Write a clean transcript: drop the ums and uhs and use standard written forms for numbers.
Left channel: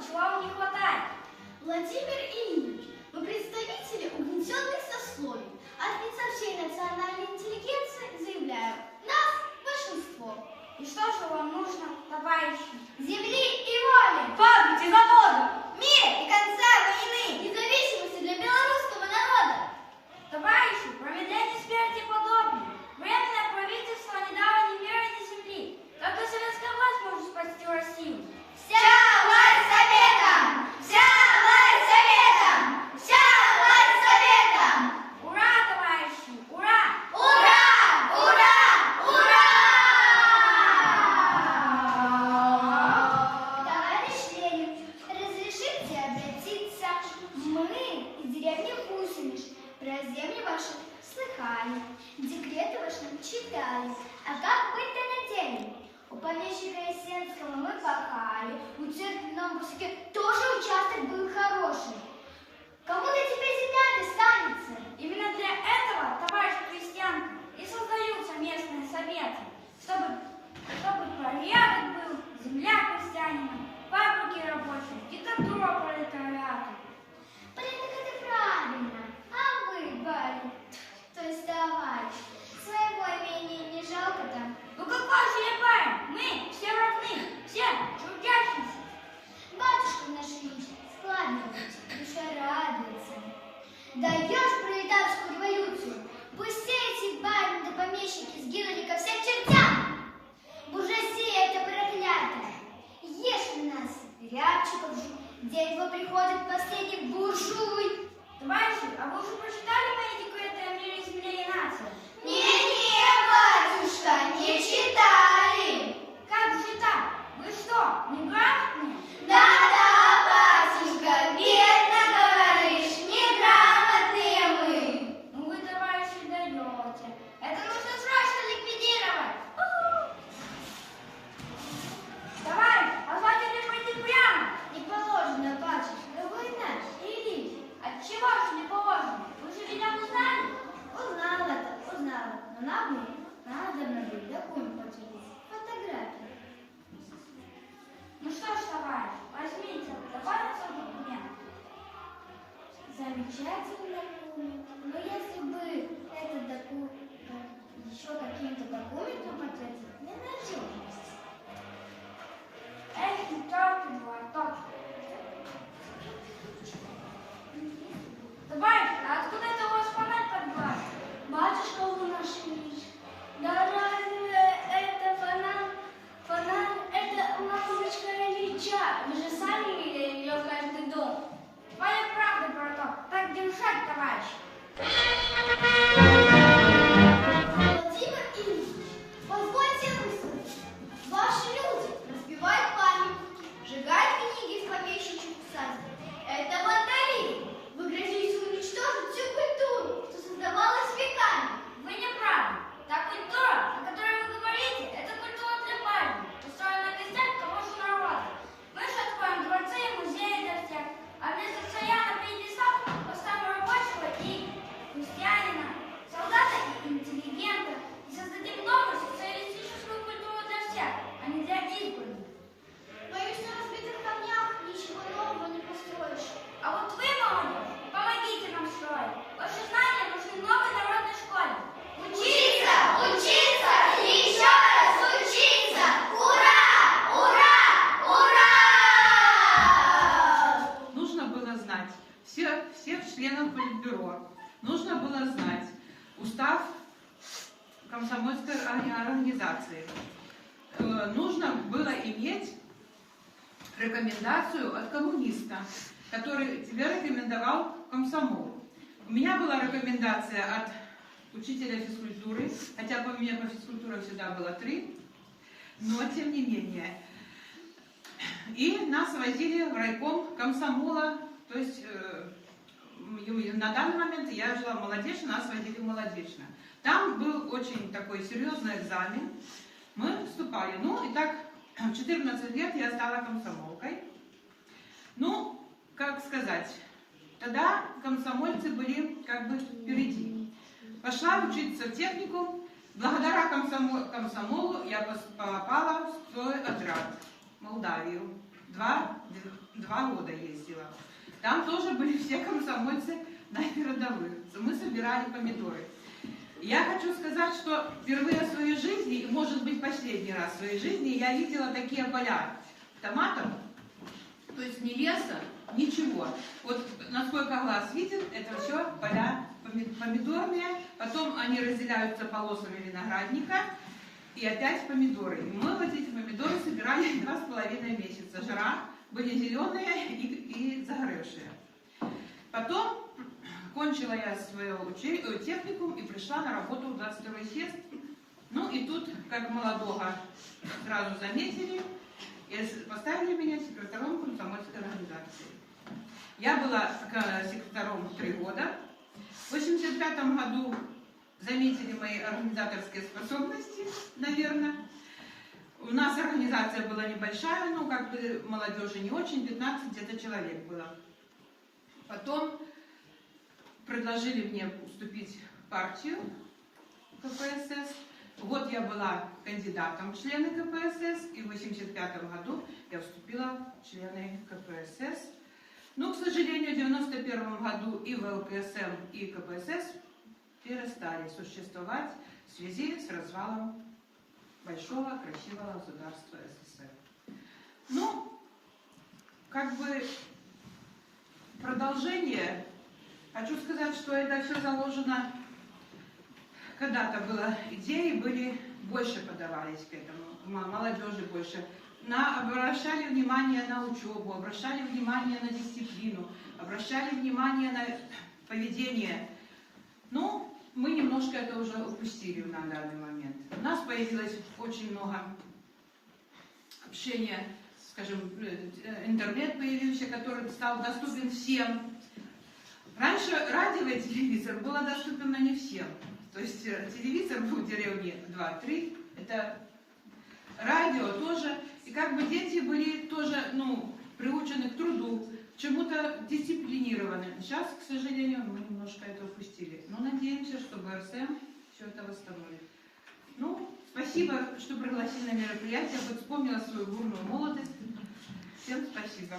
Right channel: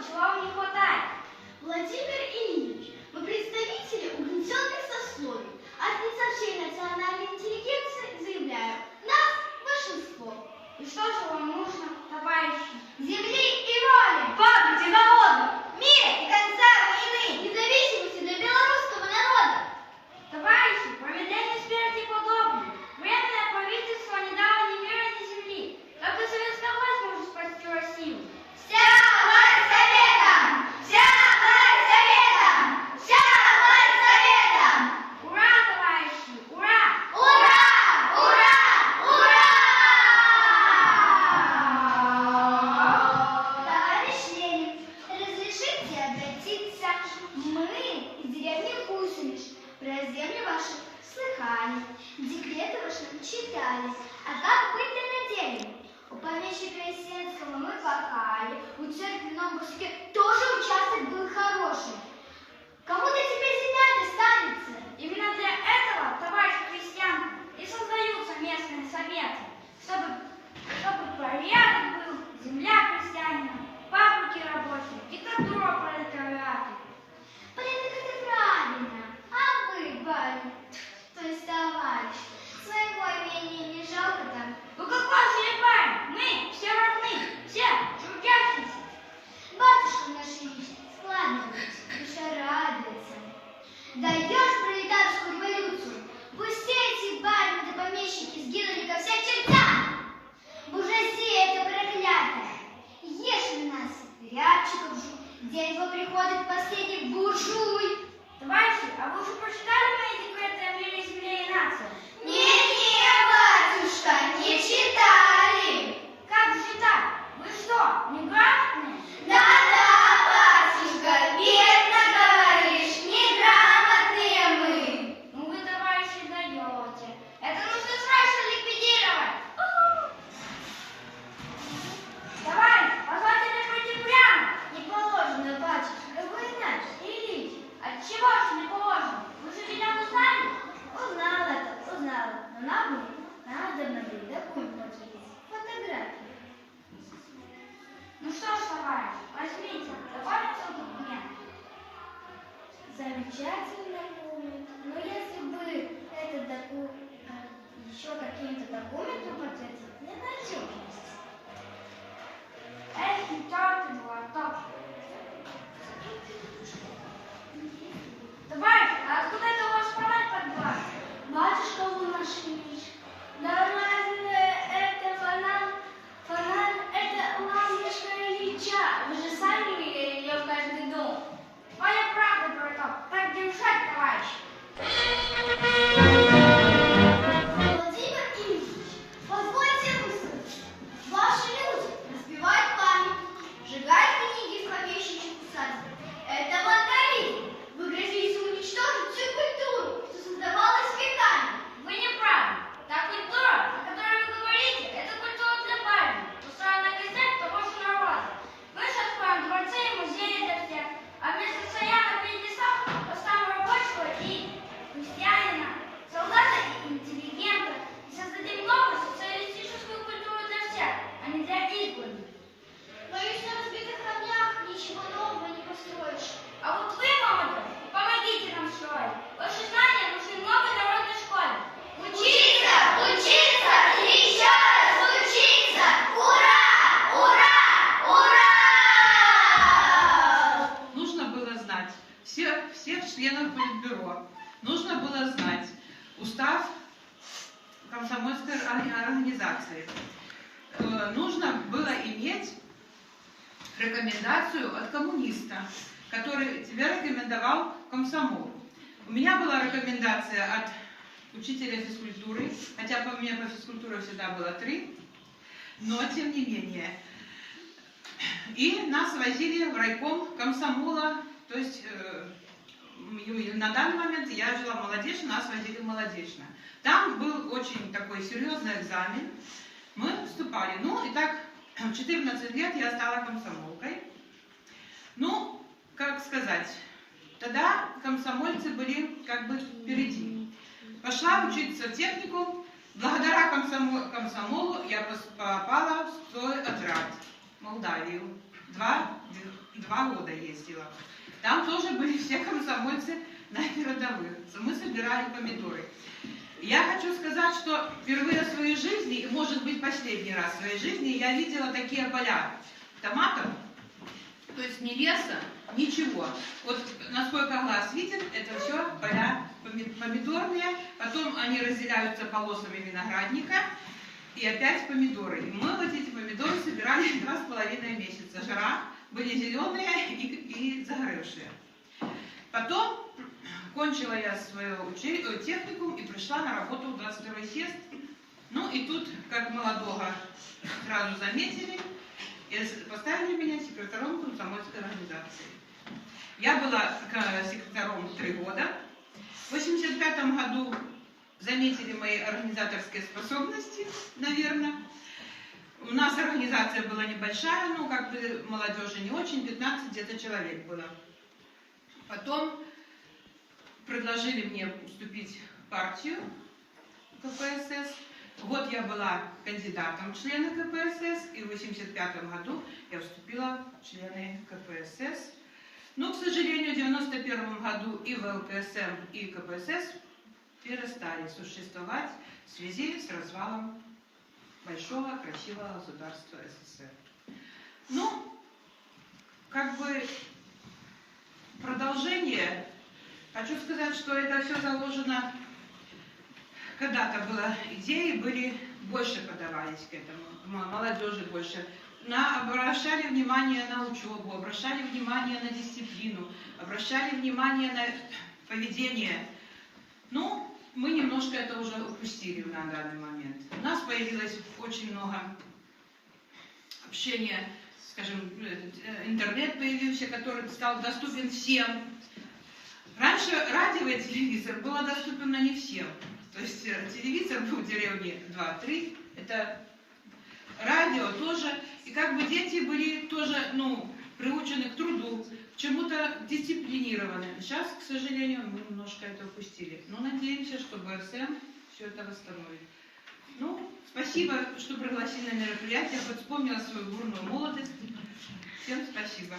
много, чего вам не хватает? Владимир Ильич, мы представители угнетенных сословий. От лица всей национальной интеллигенции заявляю, нас большинство. И что же вам нужно, товарищи? Земли и воли, Фабрики, заводы! мира и конца войны, независимости для белорусского народа. Товарищи, промедление смерти подобно. Временное правительство не дало ни мира, ни земли. Только советская власть может спасти Россию. Вся власть советам! Вся власть советам! Вся власть советам! Ура, товарищи! Ура! Ура! Ура! Ура! Товарищ Ленин, разрешите обратиться? Мы из деревни Гусенич. Про земли ваши слыхали, декреты ваши читали. А как быть-то на деле? У помещика Есенского мы пахали, у церкви в Новом Косяке тоже участок был хороший. Кому-то теперь земля достанется. Именно для этого, товарищ крестьянка, и создаются местные советы, чтобы порядок был, земля крестьянина, фабрики рабочие, диктатура пролетариата. Порядок это правильно. А вы, барин, то есть товарищ, своего имения не жалко-то? Ну какой же я парень? Мы все равны, все трудящиеся. Батюшка наш Ильич, складывайте, душа радуется. Даешь пролетарскую революцию, пусть эти барин да помещики сгинули ко всем чертям. Буржуазия это проклятая. Ешь у нас рябчиков жуй, где его приходит последний буржуй. Товарищи, а вы уже прочитали мои декреты о мире, земле и нации? Не-не, батюшка, не читали. Как же так? Вы что, неграмотные? Да-да, батюшка, верно говоришь, неграмотные мы. Ну вы, товарищи, даете. Это нужно срочно ликвидировать. Товарищ, позвольте пройти прямо. Не положено, батюшка, вы наш, Ильич. Отчего же не положено? Вы же меня узнали? Узнала, но нам надо быть документ фотографию. Ну что ж, товарищ, возьмите, добавите документ. Замечательно, Юля. Но если бы этот документ еще каким-то документом подтвердить, для надежности. Эх, не только глоток. Товарищ, а откуда это у вас фонарь под глаз? Батюшка вы наш Ильич, да разве это фонарь, это лампочка Ильича, вы же сами видели ее в каждый дом. Твоя правда, браток. Так держать, товарищ. Владимир Ильич, позвольте высказать. Ваши люди разбивают памятники, сжигают книги в помещичьих садах. Это вандализм. Вы грозите уничтожить всю культуру, что создавалась веками. Вы не правы. Та культура, о которой вы говорите, это культура для барина, устроена на костях того же народа. Мы же откроем дворцы и музеи для всех, а вместо стоянок и лесов поставим рабочего и крестьянина, солдата и интеллигента, и создадим новую социалистическую культуру для всех, а не для избранных. Боюсь, на разбитых камнях ничего нового не построишь. А вот вы, молодые, помогите нам строить. Ваши знания нужны новой народной школе. Учиться! Учиться! И еще раз учиться! Ура! Ура! Ура! Нужно было знать всех членов Политбюро. Нужно было знать устав комсомольской организации. Нужно было иметь рекомендацию от коммуниста, который тебя рекомендовал комсомол. У меня была рекомендация от учителя физкультуры, хотя у меня по физкультуре всегда было 3, но тем не менее. И нас возили в райком комсомола, то есть на данный момент я жила в Молодечно, нас возили в Молодечно. Там был очень такой серьезный экзамен, мы вступали. Ну и так, в 14 лет я стала комсомолкой. Ну, как сказать, тогда комсомольцы были как бы впереди. Пошла учиться в техникум. Благодаря комсомолу я попала в стройотряд. Молдавию. Два года ездила. Там тоже были все комсомольцы на передовых. Мы собирали помидоры. Я хочу сказать, что впервые в своей жизни, и может быть последний раз в своей жизни, я видела такие поля томатов, то есть ни леса, ничего. Вот насколько глаз видит, это все поля помидорные, потом они разделяются полосами виноградника, и опять помидоры. И мы вот эти помидоры собирали 2,5 месяца. Жара, были зеленые и загоревшие. Потом кончила я свой техникум и пришла на работу в 22-й съезд. Ну и тут, как молодого, сразу заметили и поставили меня секретарем комсомольской организации. Я была секретарем 3 года. В 1985 году заметили мои организаторские способности, наверное. У нас организация была небольшая, ну, как бы молодежи не очень, 15 где-то человек было. Потом предложили мне вступить в партию КПСС. Вот я была кандидатом в члены КПСС, и в 1985 году я вступила в члены КПСС. Но, к сожалению, в 1991 году и ВЛКСМ, и КПСС перестали существовать в связи с развалом большого красивого государства СССР. Ну, как бы продолжение. Хочу сказать, что это все заложено, когда-то было идеи, были больше подавались к этому, молодежи больше. Обращали внимание на учебу, обращали внимание на дисциплину, обращали внимание на поведение. Ну, мы немножко это уже упустили на данный момент. У нас появилось очень много общения, скажем, интернет появился, который стал доступен всем. Раньше радио и телевизор было доступно не всем. То есть телевизор был в деревне 2-3, это радио тоже. И как бы дети были тоже, ну, приучены к труду, к чему-то дисциплинированы. Сейчас, к сожалению, мы немножко это упустили. Но надеемся, что БРСМ все это восстановит. Ну, спасибо, что пригласили на мероприятие, вспомнила свою бурную молодость. Всем спасибо.